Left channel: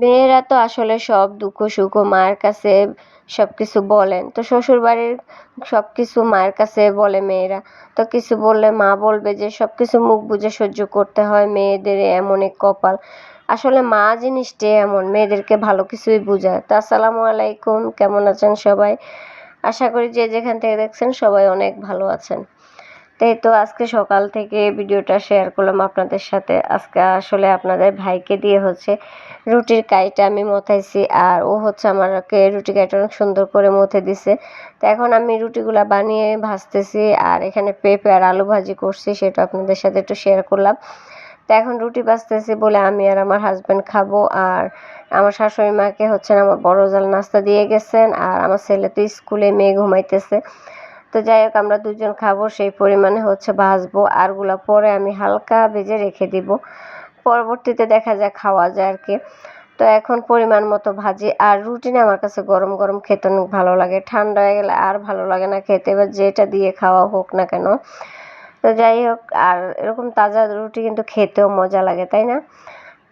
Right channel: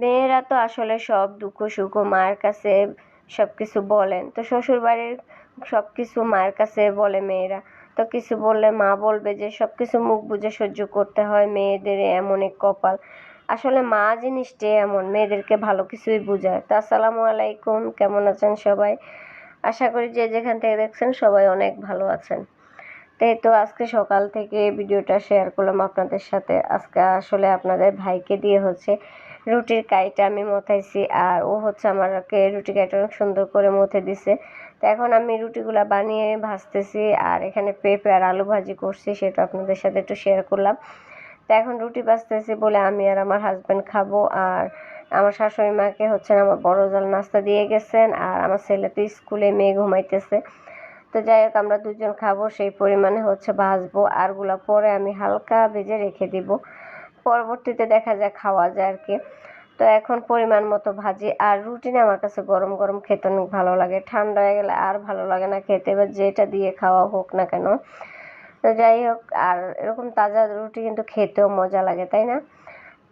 মেয়েরা তো আসলে সব দুঃখ সুখ মায়ের কাছে সবকিছু বলেন। তো শ্বশুরবাড়ির সবকিছু মায়ের কাছে বলে মেয়েরা। তো কিছু বললে মা বলবে যে সবকিছু মুখ বুজে সহ্য করতে হয়, মেয়েদের এমন এক কপাল। আসলে মা জিনিসটাই এমন, মেয়েদেরকে ভালো কিছুই বুঝায়। তো আসসালামু আলাইকুম, কেমন আছেন সবাই? আশা করি যে যেখান থেকে দেখছেন সবাই অনেক ভালো আছেন। তাই তো আজকে সকাল থেকে ভিডিওটা শেয়ার করলাম আপনাদের সাথে। আজকে আসলে আপনাদের ভাইকে দিয়ে রুটির কাইটা আমি মথাইছি, আর ও আমাকে রুটি কাইটা অনেক সুন্দর করে মথে দিছে। তো এখন আমি রুটিগুলা বানিয়ে ভাজতেছি, আর এখানে পেঁপে আর আলু ভাজি করছি, সেটা আপনাদের সাথে একটু শেয়ার করলাম। তো এখন রুটি ভাজতেছি বলে আমি আর আমার হাজব্যান্ড খাবো, আর আমার শাশুড়ি মাকে আমার বড় জাল নাস্তা দিয়ে গেছেন, আর আমার ছেলে তো স্কুলে, মেয়ে ঘুমাইতেছে। তো যাই হোক, আমরা দুজন খাবো সেই পরিমাণে ভাজবো, আরগুলা পরে আমি হালকা ভেজে রেখে দিব, পরবর্তীতে দেখা যায় খাওয়া যায় আর কি। তো এখন পরিমাণ মতো ভাজি, আর রুটি না আমার কাছে গরম গরম খেতে অনেক ভালো লাগে, ঠান্ডা হয়ে গেলে আর ভালো লাগে না খেতে, এবার যেটা দিয়ে খাওয়া হোক না কেন। তো যাই হোক, আর এরকম তাজা রুটি কিন্তু খেতেও মজা লাগে, তাই না?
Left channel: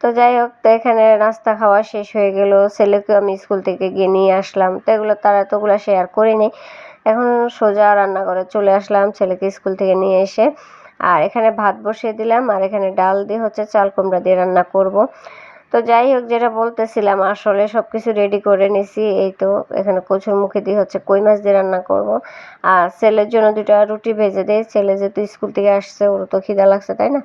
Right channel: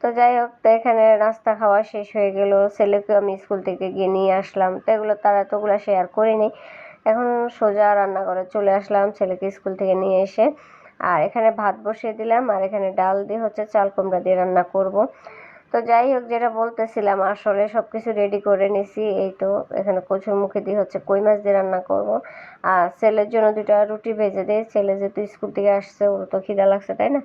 তো যাই হোক, তো এখানে নাস্তা খাওয়া শেষ হয়ে গেল, ছেলেকে আমি স্কুল থেকে গিয়ে নিয়ে আসলাম। তো এতগুলো শেয়ার করিনি। এখন সোজা রান্নাঘরে চলে আসলাম ছেলেকে স্কুল থেকে নিয়ে এসে, আর এখানে ভাত বসিয়ে দিলাম, আর এখানে ডাল দিয়ে চাল কুমড়া দিয়ে রান্না করব। তো যাই হোক, যেটা বলতেছিলাম, আসলে সব কিছু রেডি করে নিছি। এই তো এখানে কচুর মুখে দিয়ে কই মাছ দিয়ে রান্না করব, আর ছেলের জন্য দুটা রুটি ভেজে দিই। ছেলে যেহেতু স্কুল থেকে আসছে, ওর তো খিদা লাগছে, তাই না?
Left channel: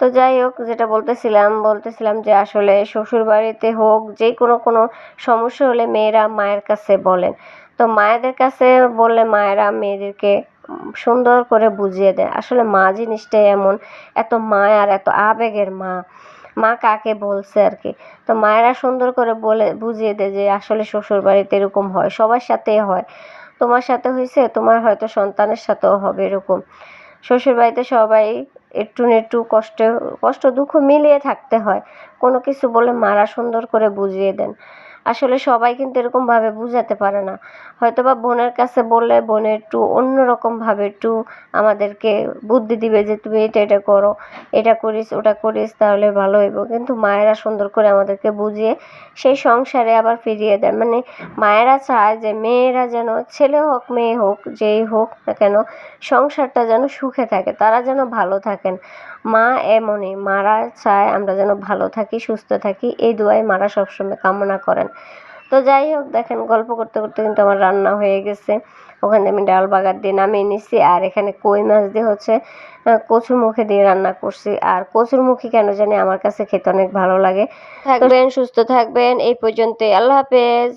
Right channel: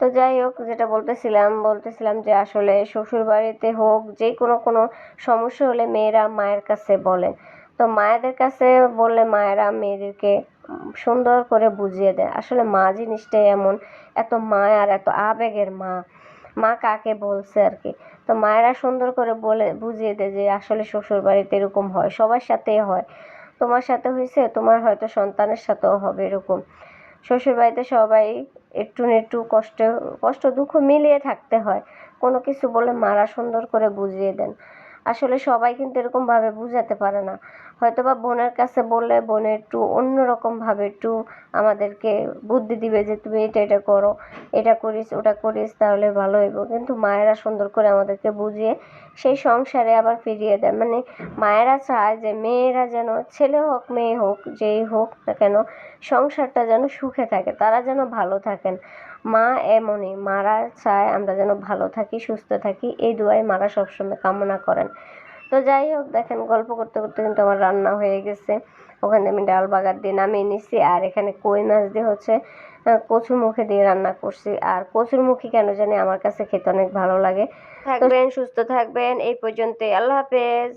তো যাই হোক, যেটা বলতেছিলাম যে আসলে শ্বশুর বাড়িতে হোক, যে কোনো সমস্যা হলে মেয়েরা মায়ের কাছে বলেন। তো মায়েদের কাছে বললে মায়েরা মেয়েদেরকে সুন্দর করে বুঝিয়ে দেয়। আসলে মা জিনিসটাই এমন, এত মায়ার, এত আবেগের মা। মা কাকে বলছে আর কি। তো মায়েরা সুন্দর করে বলে বুঝিয়ে দেয় যে আসলে শ্বশুর বাড়িতে এরকম হয়, সবার সাথেই হয়। তোমার সাথে হয়েছে, তোমার হয়তো সন্তানের সাথেও হবে এরকম। শ্বশুরবাড়িতে সবাই একটু না একটু কষ্ট দুঃখ মিলিয়ে থাকতে হয়। কোনো কিছু বলে মারা সুন্দর করে বুঝিয়ে দেন। আসলে সবাই কিন্তু এরকমভাবে বুঝাতে পারে না। হয়তোবা বোনের কাছে বললে বোন একটু অন্যরকমভাবে একটু আমাদেরকে বুদ্ধি দিবে যে তুমি এটা করো, এটা করিস, ওটা করিস, তাহলে ভালো হইব। কিন্তু মায়েরা সুন্দর করে আমাদেরকে বুঝিয়ে সেই সংসারে আবার ফিরিয়ে দেয়। মানে মায়েরা চায় যে মেয়েরা যেন, ছেলে হোক মেয়ে হোক, যেই হোক না কেন, সংসারটা যেন সুখে থাকে, তারা যেন ভালো থাকেন। মা এমনই, মারা চায় আমরা যেন ভালো থাকি, সুস্থ থাকি, এই দোয়াই মারা সবসময় কামনা করেন। তো যাই হোক, দেখেন গল্প করতে করতে কিন্তু আমার রান্না হয়ে গেছে। ওখানে আমি ডাল বাগার দিয়ে নামিয়ে নিচ্ছি, আর এখানে কই মাছ দিয়ে কচুর মুখে দিয়ে রান্না করছি। আর কচুর মুখী কেন জানি আমার কাছে খেতে অনেক ভালো লাগে। থাকবেন, সুস্থ থাকবেন, এই পর্যন্তই, আল্লাহ হাফেজ।